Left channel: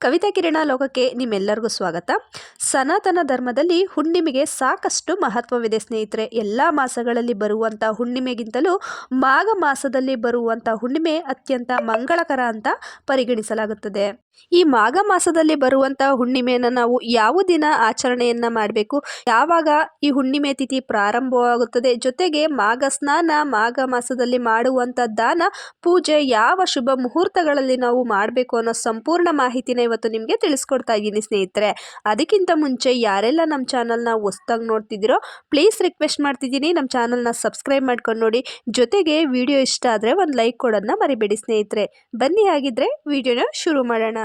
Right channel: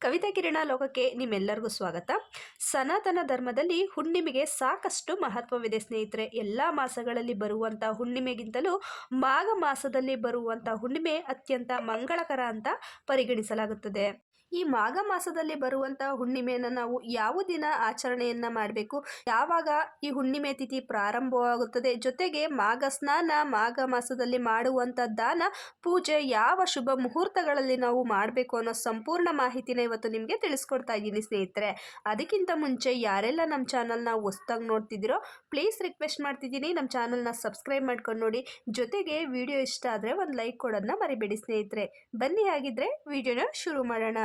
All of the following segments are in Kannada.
ಕವಿತಾ ಕಿರಣ ಲೋಕಕ್ಕೆ ನಿಮ್ಮೆಲ್ಲರಿಗೂ ಸ್ವಾಗತ. ಸನಾತನ ಧರ್ಮದಲ್ಲಿ ಹುಣ್ಣಿಮೆಗೆ ಸಾಕಷ್ಟು ಮಹತ್ವವಿದೆ ಸ್ನೇಹಿತರೆ. ಎಲ್ಲ ಮಾಸಗಳಲ್ಲಿ ಬರುವಂಥ ಹುಣ್ಣಿಮೆಗಿಂತಲೂ ಮಾಘ ಮಾಸದಲ್ಲಿ ಬರುವಂಥ ಹುಣ್ಣಿಮೆ ಅತ್ಯಂತ ಮಂಗಳಕರ ಅಂತ ಪರಿಗಣಿಸಲಾಗುತ್ತದೆ. ಈ ಮಾಘ ಮಾಸದಲ್ಲಿ ಬರುವಂಥ ಹುಣ್ಣಿಮೆಯನ್ನು ನಾವು ಯಾವ ದಿನ ಆಚರಣೆಯನ್ನು ಮಾಡಬೇಕು? ಯಾವಾಗ ಈ ಹುಣ್ಣಿಮೆ ತಿಥಿ ಪ್ರಾರಂಭವಾಗುತ್ತದೆ? ಜೊತೆಗೆ ಮಾಘ ಸ್ನಾನ, ಮಾಘ ಮಾಸದಲ್ಲಿ ಮಾಡುವಂಥ ದಾನ, ಪೂಜೆ ಯಾವ ಶುಭ ಮುಹೂರ್ತಗಳಲ್ಲಿ ನಾವು ಮಾಡಬೇಕು ಅನ್ನೋ ಸಂಪೂರ್ಣ ಮಾಹಿತಿನ ಇವತ್ತು ನಿಮಗೆ ತಿಳಿಸ್ಕೊಡ್ತಾ ಇದ್ದೀನಿ ಸ್ನೇಹಿತರೆ. ಅದಕ್ಕಿಂತ ಮುಂಚೆ ಯಾರೆಲ್ಲ ನಮ್ಮ ಚಾನಲ್ನ ಹೊಸ್ದಾಗಿ ನೋಡ್ತಿದ್ದೀರೋ, ಪ್ಲೀಸ್ ರಿಕ್ವೆಸ್ಟ್ ಮಾಡ್ತಿದ್ದೀನಿ ನಮ್ಮ ಚಾನಲ್ನ ಸಬ್ಸ್ಕ್ರೈಬ್ ಮಾಡ್ಕೊಂಡು ನೋಡಿ. ಜೊತೆಗೆ ವಿಡಿಯೋ ಇಷ್ಟ ಆದರೆ ಒಂದು ಲೈಕ್ ಕೊಡೋದನ್ನ ಮರಿಬೇಡಿ ಸ್ನೇಹಿತರೆ. ಬನ್ನಿ ಹಾಗಿದ್ರೆ ವಿಡಿಯೋನ ಶುರು ಮಾಡೋಣ.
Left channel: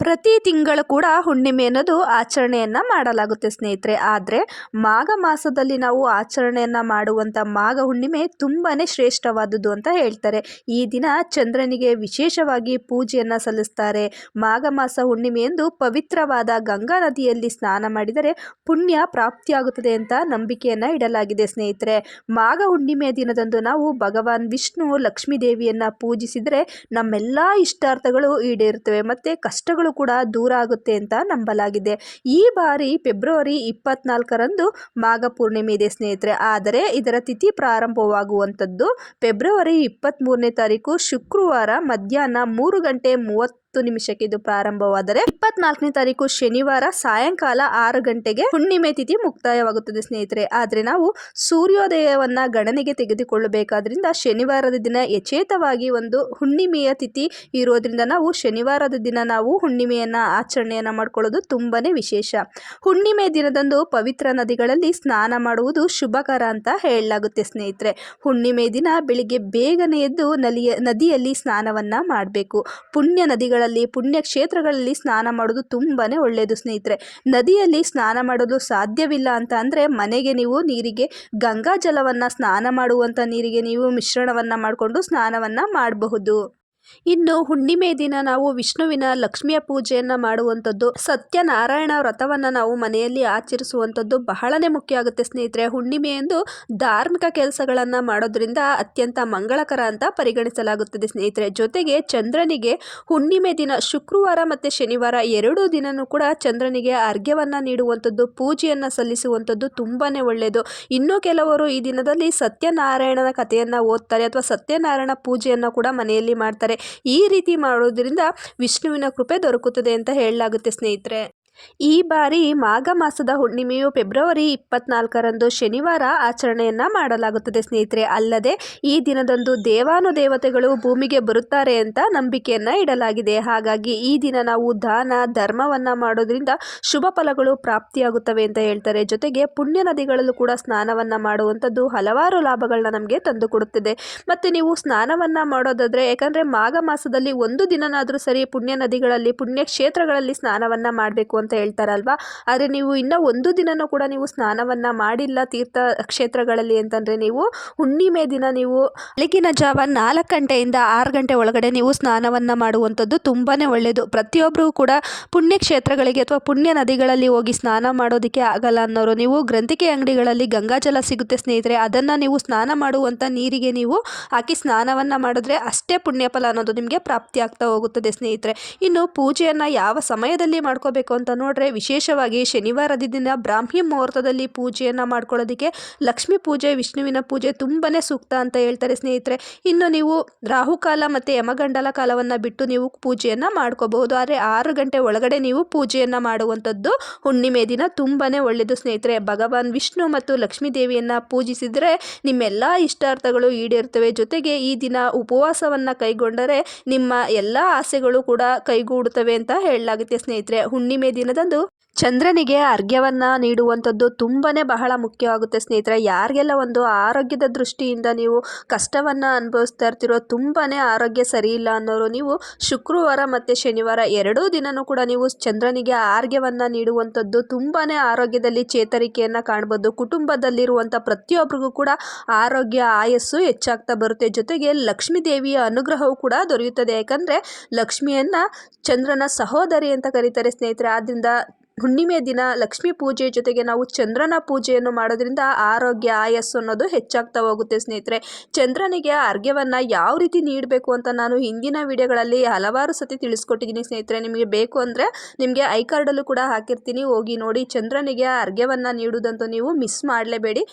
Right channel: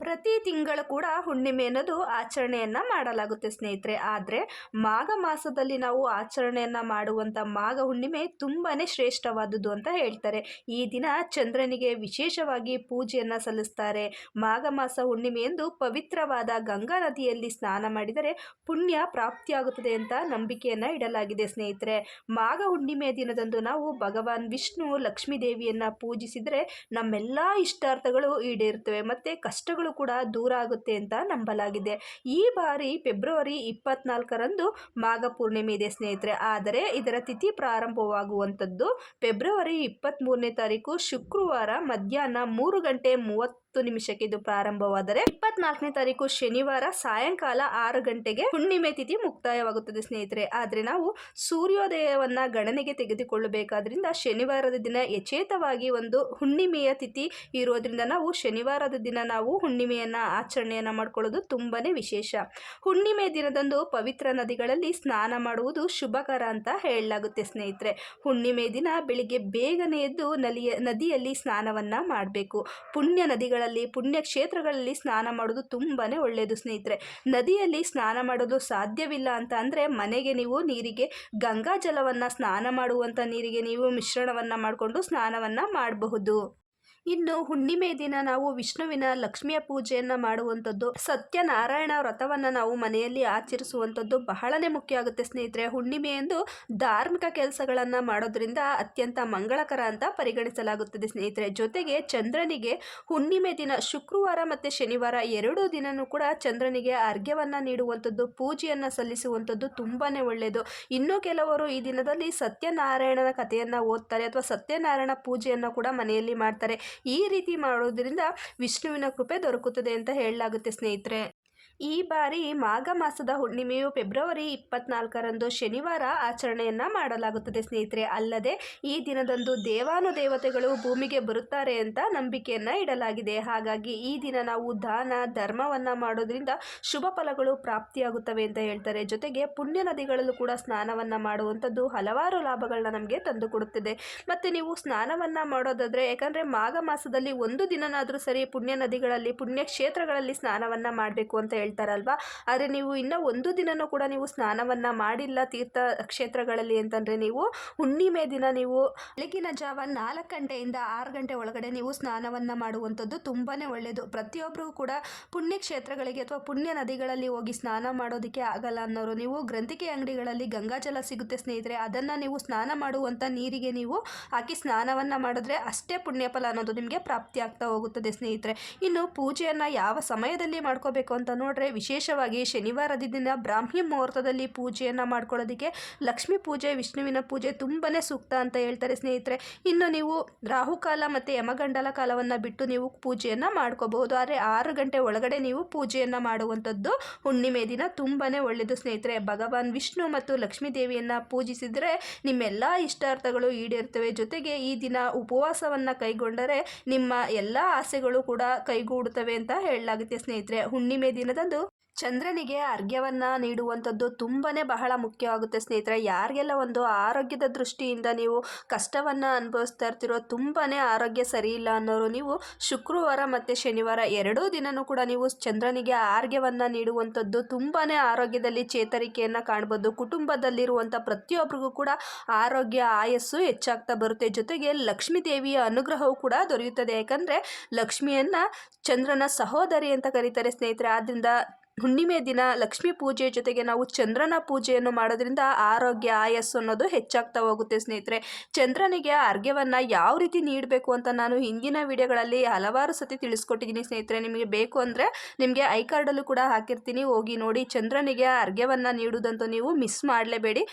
ಪ್ರತಿ ತಿಂಗಳು ಕೂಡ ಹುಣ್ಣಿಮೆ ಅನ್ನೋದು ಆಚರಣೆಯನ್ನು ಮಾಡಲಾಗುತ್ತೆ ಸ್ನೇಹಿತರೆ. ಆದರೆ ಮಾಘ ಮಾಸದಲ್ಲಿ ನಾವು ಆಚರಣೆಯನ್ನು ಮಾಡುವಂಥ ಮಾಘ ಹುಣ್ಣಿಮೆ ತುಂಬಾ ಶ್ರೇಷ್ಠವಾದದ್ದು ಅಂತ ಹೇಳ್ತಾರೆ. ಈ ದಿನ ಚಂದ್ರನಿಗೆ ವಿಶೇಷವಾಗಿ ಪೂಜೆಯನ್ನು ಸಲ್ಲಿಸ್ತಾರೆ. ಮಾಘ ಮಾಸ ಹುಣ್ಣಿಮೆಯಂದು ಪವಿತ್ರವಾದ ಗಂಗಾ ನದಿಯಲ್ಲಿ ಸ್ನಾನ ಮಾಡಿದರೆ ಪುಣ್ಯ ಪ್ರಾಪ್ತಿಯಾಗುತ್ತದೆ ಅಂತ ನಂಬಿಕೆಯನ್ನು ಇಡಲಾಗಿದೆ ಸ್ನೇಹಿತರೆ. ಮಾಘ ಹುಣ್ಣಿಮೆ ದಿನದಂದು ನಾವು ಭಗವಾನ್ ವಿಷ್ಣು ಲಕ್ಷ್ಮೀ ದೇವಿಯನ್ನು ಪೂಜಿಸಿದರೆ ನಮ್ಮೆಲ್ಲ ಇಷ್ಟಾರ್ಥಗಳು ಈಡೇರುತ್ತವೆ. ಮತ್ತು ಕಷ್ಟಗಳು ಕೂಡ ದೂರ ಆಗುತ್ತೆ ಅಂತ ನಂಬಲಾಗಿದೆ. ಈ ಬಾರಿ ಫೆಬ್ರವರಿ ಇಪ್ಪತ್ನಾಲ್ಕರಂದು ಮಾಘ ಪೂರ್ಣಿಮೆ ಇದೆ ಸ್ನೇಹಿತರೆ. ಆದರೆ ಇದರ ತಿಥಿ ಪ್ರಾರಂಭವಾಗುವಂಥದ್ದು ಫೆಬ್ರವರಿ ಇಪ್ಪತ್ತ್ಮೂರನೇ ತಾರೀಕು ಶುಕ್ರವಾರ ಮಧ್ಯಾಹ್ನ ಮೂರು ಗಂಟೆ ಮೂವತ್ತು ನಿಮಿಷಕ್ಕೆ ಇದು ಪ್ರಾರಂಭವಾದರೆ ಇಪ್ಪತ್ನಾಲ್ಕನೇ ತಾರೀಕು ಶನಿವಾರ ಸಾಯಂಕಾಲ ಆರು ಗಂಟೆಗೆ ಹುಣ್ಣಿಮೆ ತಿಥಿ ಮುಕ್ತಾಯವಾಗುತ್ತದೆ, ಸ್ನೇಹಿತರೆ. ಆದರೆ ನಾವು ಸೂರ್ಯೋದಯವನ್ನ ಗಣನೆಗೆ ತೆಗೆದುಕೊಳ್ಳಬೇಕಾದ್ರಿಂದ ಶನಿವಾರದ ದಿನ ಯಚೇತವಾಗಿ ಒಂದು ಹುಣ್ಣಿಮೆಯ ತಿಥಿ ಇರೋದ್ರಿಂದ ನಾವು ಶನಿವಾರದ ದಿನ ನಾವು ಹುಣ್ಣಿಮೆಯನ್ನ ಆಚರಣೆಯನ್ನ ಮಾಡಿಕೊಳ್ಳೋದು ತುಂಬಾನೇ ವಿಶೇಷ. ಹುಣ್ಣಿಮೆ ದಿನದಂದು ಪವಿತ್ರ ನದಿಗಳಲ್ಲಿ ಸ್ನಾನ ಮಾಡುವುದು ಶುಭಕರ ಅಂತ ಹೇಳಲಾಗುತ್ತೆ, ಸ್ನೇಹಿತರೆ. ಹುಣ್ಣಿಮೆ ದಿನ ಬೆಳಿಗ್ಗೆ ಬೇಗನೆ ಎದ್ದು ನಲಿಯ, ನದಿಯಲ್ಲಿ ಸ್ನಾನವನ್ನ ಮಾಡಬೇಕು. ಪುಣ್ಯ ನದಿಗಳ ಪುಣ್ಯ ಕ್ಷೇತ್ರಗಳಲ್ಲಿ ಸ್ನಾನ ಮಾಡೋದು ತುಂಬಾ ಒಳ್ಳೆಯದು ಸ್ನೇಹಿತರೆ. ನದಿಯಲ್ಲಿ ಸ್ನಾನ ಮಾಡಲು ಸಾಧ್ಯವಿಲ್ಲ ಅಂತ ಅಂದರೆ ಮನೆಗೆ ನೀವು ನೀರಿಗೆ, ಗಂಗಾ ಜಲವನ್ನು ಸ್ನಾನ ಮಾಡುವಂಥ ನೀರಿಗೆ ನೀವು ಮಿಶ್ರಣವನ್ನು ಮಾಡಿಕೊಂಡು ಸ್ನಾನವನ್ನು ಮಾಡಬಹುದು. ಇನ್ನು ಹುಣ್ಣಿಮೆ ದಿನ ನಾವು ವಿಷ್ಣುವಿನ ಲಕ್ಷ್ಮಿಯ ಪೂಜೆಯನ್ನು ಮಾಡುವಂಥದ್ದು, ಸತ್ಯನಾರಾಯಣ ವ್ರತವನ್ನು ನಾವು ಮನೆಯಲ್ಲಿ ಆಚರಿಸುವಂಥದ್ದು ಬಹಳನೇ ಮುಖ್ಯ ಆಗುತ್ತೆ ಸ್ನೇಹಿತರೆ. ಹುಣ್ಣಿಮೆ ಎಂದು ಧಾರ್ಮಿಕ ಕೆಲಸಗಳನ್ನು ಮಾಡೋದ್ರಿಂದ ಅತ್ಯಂತ ಮಂಗಳಕರ ಅಂತ ಪರಿಗಣಿಸಲಾಗುತ್ತದೆ ಸ್ನೇಹಿತರೆ. ಜೊತೆಗೆ ಚಂದ್ರನಿಗೆ ಹುಣ್ಣಿಮೆ ದಿನ ಶುಕ್ರವಾರ ಮತ್ತು ಶನಿವಾರ ಎರಡೂ ದಿನನೂ ಕೂಡ ಚಂದ್ರನಿಗೆ ಅರ್ಘ್ಯವನ್ನು ನೀಡುವಂಥದ್ದು, ಪೂಜೆಯನ್ನು ಸಲ್ಲಿಸುವಂಥದ್ದು ತುಂಬಾ ಒಳ್ಳೆಯದು ಇನ್ನು ಕೆಲವರು ಈ ದಿನದಲ್ಲಿ ಸತ್ಯನಾರಾಯಣನ ಕಥೆಯನ್ನು ಓದ್ತಾರೆ ಅಥವಾ ಸತ್ಯನಾರಾಯಣ ಪೂಜೆಯನ್ನು ಕೂಡ ಮನೆಯಲ್ಲಿ ಮಾಡ್ತಾರೆ. ಈ ರೀತಿ ಮಾಡೋದ್ರಿಂದ ವಿಷ್ಣುವಿನ ಕೃಪೆ ದೊರಕುತ್ತದೆ ಅಂತ ಹೇಳಲಾಗುತ್ತೆ ಸ್ನೇಹಿತರೆ. ಈ ಬಾರಿ ಮಾಘ ಮಾಸದ ಹುಣ್ಣಿಮೆಯು ಫೆಬ್ರವರಿ ಇಪ್ಪತ್ನಾಲ್ಕರಂದು ಶನಿವಾರ ಆಚರಣೆಯನ್ನ ಮಾಡಲಾಗುತ್ತದೆ ಸ್ನೇಹಿತರೆ. ಅಲ್ಲದೆ ಈ ದಿನದಂದು ದೇವಾನುದೇವತೆಗಳು ಭೂಮಿಗೆ ಬರುತ್ತಾರೆ ಅಂತ ನಂಬಿಕೆಯನ್ನ ಇಡಲಾಗಿದೆ. ಹಾಗಾಗಿ ಈ ದಿನ ನಾವು ದಾನ, ಧರ್ಮವನ್ನ ಮಾಡೋದ್ರಿಂದ ಶುಭ ಫಲಗಳು ಪ್ರಾಪ್ತಿಯಾಗುತ್ತವೆ ಅಂತ ಹೇಳ್ತಾರೆ. ಜೊತೆಗೆ ಪುಣ್ಯ ನದಿಗಳಲ್ಲೂ ಕೂಡ ಸ್ನಾನವನ್ನ ಮಾಡುವಂಥದ್ದು ಹಲವಾರು ಲಾಭಗಳನ್ನ ನಮಗೆ ತಂದುಕೊಡುತ್ತದೆ ಮತ್ತು ನೀವು ಸ್ನಾನವನ್ನ ಮಾಡೋದಾದ್ರೆ, ಯಾಕಂದ್ರೆ ಮಾಘ ಮಾಸದಲ್ಲಿ ಒಂದು ದಿನನಾದರೂ ಸರಿ ಪುಣ್ಯ ನದಿಗಳಲ್ಲಿ, ಪುಣ್ಯ ಕ್ಷೇತ್ರಗಳಲ್ಲಿ ಸ್ನಾನವನ್ನ ಮಾಡಬೇಕು ಅಂತ ಹೇಳ್ತಾರಲ್ವಾ? ಆದರೆ ನೀವು ಇನ್ನೂ ಒಂದು ದಿನನೂ ಕೂಡ ನೀವು ಸ್ನಾನವನ್ನು ಮಾಡಿಲ್ಲ ತೀರ್ಥ ಕ್ಷೇತ್ರಗಳಲ್ಲಿ ಅಂತಂದರೆ ನೀವು ಹುಣ್ಣಿಮೆ ದಿನ ನೀವು ಬೆಳಗಿನ ಜಾವ ನಾಲ್ಕು ಗಂಟೆಯಿಂದ ಆರು ಗಂಟೆ ಒಳಗಡೆ ನೀವು ಸ್ನಾನವನ್ನು ಮಾಡುವಂಥದ್ದು ತುಂಬಾ ಒಳ್ಳೆಯದು ಪ್ರತಿಯೊಬ್ಬರೂ ಕೂಡ ಪುಣ್ಯಕ್ಷೇತ್ರಗಳಿಗೆ ಅಥವಾ ಪುಣ್ಯ ನದಿಗಳಲ್ಲಿ ಹೋಗಿ ಸ್ನಾನ ಮಾಡೋದಕ್ಕೆ ಆಗಲ್ಲ ಅನ್ನೋರು, ನೀವು ಗ್ರಂಥಿಕೆ ಅಂಗಡಿಗಳಲ್ಲಿ ಗಂಗಾಜಲ ಸಿಗುತ್ತೆ ಸ್ನೇಹಿತರೆ, ಅದನ್ನು ನೀವು ಸ್ನಾನ ಮಾಡುವಂಥ ನೀರಿಗೆ ನೀವು ಹಾಕಿ ಸ್ನಾನವನ್ನು ಮಾಡಿದ್ರೆ ಅಷ್ಟೇ ಪುಣ್ಯಫಲ ಅನ್ನೋದು ನಿಮಗೆ ಪ್ರಾಪ್ತಿ ಆಗ್ತಾ ಹೋಗುತ್ತದೆ ಸ್ನೇಹಿತರೆ. ಇನ್ನು ಪೂಜೆಯನ್ನು ಯಾವ ಸಮಯದಲ್ಲಿ ಮಾಡ್ಕೋಬೇಕು ಅಂತ ನೋಡ್ರೆ ವಿಶೇಷವಾಗಿ ಶನಿವಾರದ ದಿನ ಬ್ರಾಹ್ಮಿ ಮುಹೂರ್ತದಲ್ಲಿ ಪೂಜೆಯನ್ನು ಮಾಡ್ಕೊಳ್ಳೋದಕ್ಕೆ ಲಕ್ಷ್ಮೀ ಪೂಜೆ, ವಿಷ್ಣುವಿನ ಪೂಜೆ ತುಂಬಾ ಸೂಕ್ತ ಅಂತ ಹೇಳ್ತಾರೆ ಸ್ನೇಹಿತರೆ. ಇನ್ನು ನೀವು ರಾಹುಕಾಲ ಮತ್ತು ಯಮಗಂಡಲ ಕಾಲವನ್ನು ಬಿಟ್ಟು ನೀವು ಪೂಜೆಯನ್ನು ಮಾಡ್ಕೋಬಹುದು. ಆದರೆ ಆರು ಗಂಟೆ ಒಳಗಡೆ ನೀವು ಪೂಜೆಯನ್ನು ಮಾಡುವಂಥದ್ದು ಹುಣ್ಣಿಮೆ ದಿನ ತುಂಬಾ ಒಳ್ಳೆಯದು ಸ್ನೇಹಿತರೆ. ಭಗವಾನ್ ವಿಷ್ಣು ಮತ್ತು ಲಕ್ಷ್ಮೀ ದೇವಿಯನ್ನು ಪೂಜಿಸಿದರೆ ನಿಮ್ಮೆಲ್ಲ ಇಷ್ಟಾರ್ಥಗಳು ಈಡೇರ್ತವೆ ಜೊತೆಗೆ ಈ ದಿನ ಉಪವಾಸವನ್ನು ಕೈಗೊಂಡರೆ ನಿಮ್ಮ ಎಲ್ಲ ಆಸೆಗಳು ಕೂಡ ಕೈಗೂಡುತ್ತವೆ ಅಂತ ಹೇಳಲಾಗುತ್ತೆ ಸ್ನೇಹಿತರೆ. ಹುಣ್ಣಿಮೆ ದಿನದಂದು ಚಂದ್ರನಿಗೆ ಅರ್ಘ್ಯವನ್ನು ನೀಡುವಂಥದ್ದು ತುಂಬಾ ಬಹಳ ಮುಖ್ಯವಾಗುತ್ತೆ ಸ್ನೇಹಿತರೆ. ಯಾರಿಗೆಲ್ಲ ಒಂದು ಆರೋಗ್ಯದ ದೃಷ್ಟಿಯಿಂದ ನೀವು ಕಷ್ಟವನ್ನು ಅನುಭವಿಸ್ತಾ ಇರ್ತಿರೋ ತುಂಬಾ ಆರೋಗ್ಯ ಸರಿ ಇಲ್ಲ ಅನ್ನೋರು, ನೀವು ಶುಕ್ರವಾರ ಮತ್ತು ಶನಿವಾರ ಎರಡೂ ದಿನವೂ ಕೂಡ ನೀವು ಚಂದ್ರನಿಗೆ ಆರೋಗ್ಯವನ್ನು ನೀಡುವಂಥದ್ದು ತುಂಬಾ ಆರೋಗ್ಯದಲ್ಲಿ ಚೇತರಿಕೆಯನ್ನು ಕಾಣ್ಬೋದು. ಕುಟುಂಬದಲ್ಲಿರುವಂಥ ಪ್ರತಿಯೊಬ್ಬರಿಗೂ ಕೂಡ ಆರೋಗ್ಯ, ಆಯಸ್ಸು ಹೆಚ್ಚಾಗ್ತಾ ಬರುತ್ತೆ. ಜೊತೆಗೆ ಲಕ್ಷ್ಮೀ ದೇವಿಯ ಅನುಗ್ರಹವು ಕೂಡ ದೊರೆಯುತ್ತದೆ. ಯಾಕಂದರೆ ಲಕ್ಷ್ಮಿಯನ್ನು ಚಂದ್ರನ ಸಹೋದರಿ ಅಂತ ಕರೀತಾರೆ ಸ್ನೇಹಿತರೆ. ಆದ್ದರಿಂದ ಹುಣ್ಣಿಮೆ ದಿನ ಲಕ್ಷ್ಮಿ ಪೂಜೆ ಜೊತೆಗೆ ನಾವು ಚಂದ್ರನ ಪೂಜೆಯನ್ನು ಮಾಡೋದ್ರಿಂದ ಆರೋಗ್ಯ, ಆಯಸ್ಸು ಅನ್ನೋದು ಹೆಚ್ಚಾಗ್ತಾ ಹೋಗುತ್ತೆ ಸ್ನೇಹಿತರೆ. ಚಂದ್ರನಿಗೆ ಅರ್ಘ್ಯವನ್ನು ಯಾವ ರೀತಿ ನೀಡಬೇಕು ಅಂತ ನಾನು ಹಿಂದಿನ ವಿಡಿಯೋಗಳಲ್ಲಿ ಹಲವಾರು ಸತಿ ತಿಳಿಸ್ಕೊಟ್ಟಿದ್ದೀನಿ ಸ್ನೇಹಿತರೆ. ನಿಮಗೆ ಬೇಕು ಅಂದರೆ ನಿಮಗೆ ಐ ಕಾರ್ಡಲ್ಲೂ ಕೂಡ ಹಾಕಿರ್ತೀನಿ. ಹೋಗಿ ನೋಡಿ, ಚಂದ್ರನಿಗೆ ಅರ್ಘ್ಯವನ್ನು ನೀಡುವುದಂತೂ ನೀವು ಮಿಸ್ ಮಾಡಲೇಬೇಡಿ.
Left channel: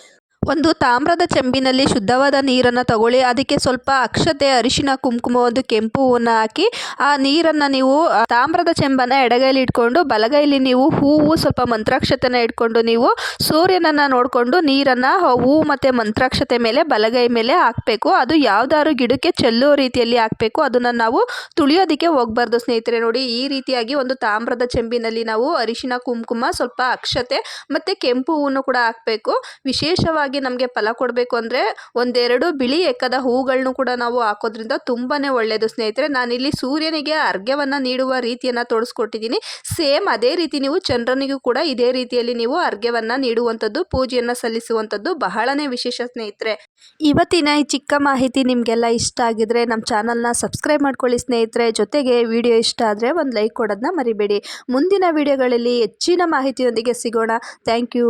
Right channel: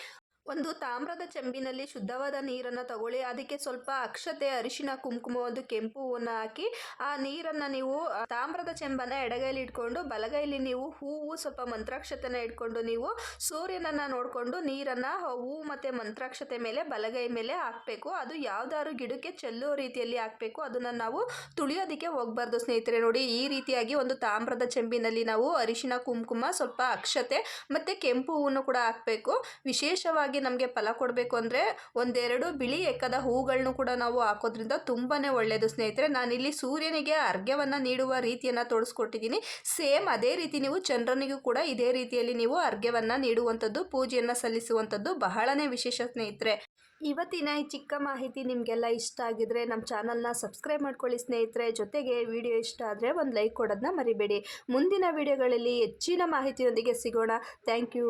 ಒಂದು ತಾಮ್ರದ ಚೆಂಬಿನಲ್ಲಿ ಶುದ್ಧವಾದ ನೀರನ್ನು ತಗೊಳ್ಳಿ. ಅದಕ್ಕೆ ಸ್ವಲ್ಪ ಅಕ್ಷತೆ, ಅರಿಶಿನ, ಕುಂಕುಮ, ಒಂದು ಕೆಂಪು ಹೂವನ್ನು ಹಾಕಿ, ಆ ನೀರನ್ನು ನೀವು ತಾಮ್ರದ ಚೆಂಬನ್ನು ಎಡಗೈಲಿ ಇಟ್ಕೊಂಡು, ಬಲಗೈಲಿ ನೀವು ಹೂವು, ಸ್ವಲ್ಪ ಮಂತ್ರಾಕ್ಷತೆನ ಇಟ್ಕೊಂಡು ನೀವು ಸೂರ್ಯನನ್ನು ನೋಡಿಕೊಂಡು ನೀರನ್ನು ಹೂವು ಮತ್ತು ಮಂತ್ರಾಕ್ಷತೆ ಮೇಲೆ, ಬಲಗೈ ಮೇಲೆ ಹಾಕಬೇಕು. ಅದು ಯಾವ್ದಾದ್ರು ಗಿಡಕ್ಕೆ ಚೆಲ್ಲೋ ರೀತಿಯಲ್ಲಿ ಹಾಕಬೇಕು. ಅದನ್ನು ನಾವು ತುಳಿಯೋದಕ್ಕೆ ಹೋಗಬಾರ್ದು ಸ್ನೇಹಿತರೆ. ನೋಡಿ, ಈ ರೀತಿಯಾಗಿ ಒಂದು ತಾಮ್ರದ ಚೆಂಬಿನಲ್ಲಿ ನಾವು ಅರಿಶಿನ, ಕುಂಕುಮ, ಸ್ವಲ್ಪ ಅಕ್ಷತೆ ಮತ್ತು ಕೆಂಪು ಹೂವನ್ನು ಕೂಡ ಹಾಕಬೇಕು. ವಿಶೇಷವಾಗಿ ನಮಗೆ ಫಲ ಕೊಡಬೇಕು ಅಂದರೆ ಒಂದೆರಡು ಬಿಳಿ ಎಕ್ಕದ ಹೂಗಳನ್ನು ಕೂಡ ನಾವು ಹಾಕೋದ್ರಿಂದ ತುಂಬಾ ಒಳ್ಳೆಯದು ಸ್ನೇಹಿತರೆ, ನಾನಿಲ್ಲಿ ಸೂರ್ಯನಿಗೆ ಅರ್ಘ್ಯವನ್ನು ನೀಡುವ ರೀತಿಯನ್ನು ತೋರಿಸ್ಕೊಟ್ಟಿದ್ದೀನಿ. ಸೇಮ್ ಅದೇ ರೀತಿ ನೀವು ಚಂದ್ರನಿಗೂ ಕೂಡ ಇದೇ ರೀತಿಯಲ್ಲಿ ನೀವು ಅರ್ಘ್ಯವನ್ನು ನೀಡುವಂಥದ್ದು, ಪೂಜೆಯನ್ನು ಸಲ್ಲಿಸುವಂಥದ್ದು ಬಹಳನೇ ವಿಶೇಷ ಸ್ನೇಹಿತರೆ. ಇವತ್ತಿನ ಈ ಚಿಕ್ಕ ಮಾಹಿತಿ ನಿಮಗೆಲ್ಲ ಇಷ್ಟ ಆಗಿದ್ರೆ ನಮ್ಮ ಚಾನಲ್ನ ಸಬ್ಸ್ಕ್ರೈಬ್ ಮಾಡ್ಕೊಳ್ಳಿ ಸ್ನೇಹಿತರೆ. ಜೊತೆಗೆ ವಿಡಿಯೋ ಇಷ್ಟ ಆದರೆ ಒಂದು ಲೈಕ್ ಕೊಡೋದನ್ನ ಮರಿಬೇಡಿ. ಮುಂದಿನ ವಿಡಿಯೋಗಳಲ್ಲಿ ಹೆಚ್ಚಿನ ಮಾಹಿತಿಯೊಂದಿಗೆ ಸಿಗೋಣ. Thank you.